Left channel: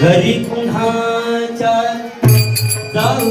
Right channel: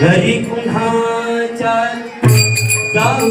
घरी कुणाच्या जाऊ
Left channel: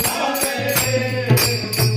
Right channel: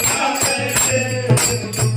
Thank you.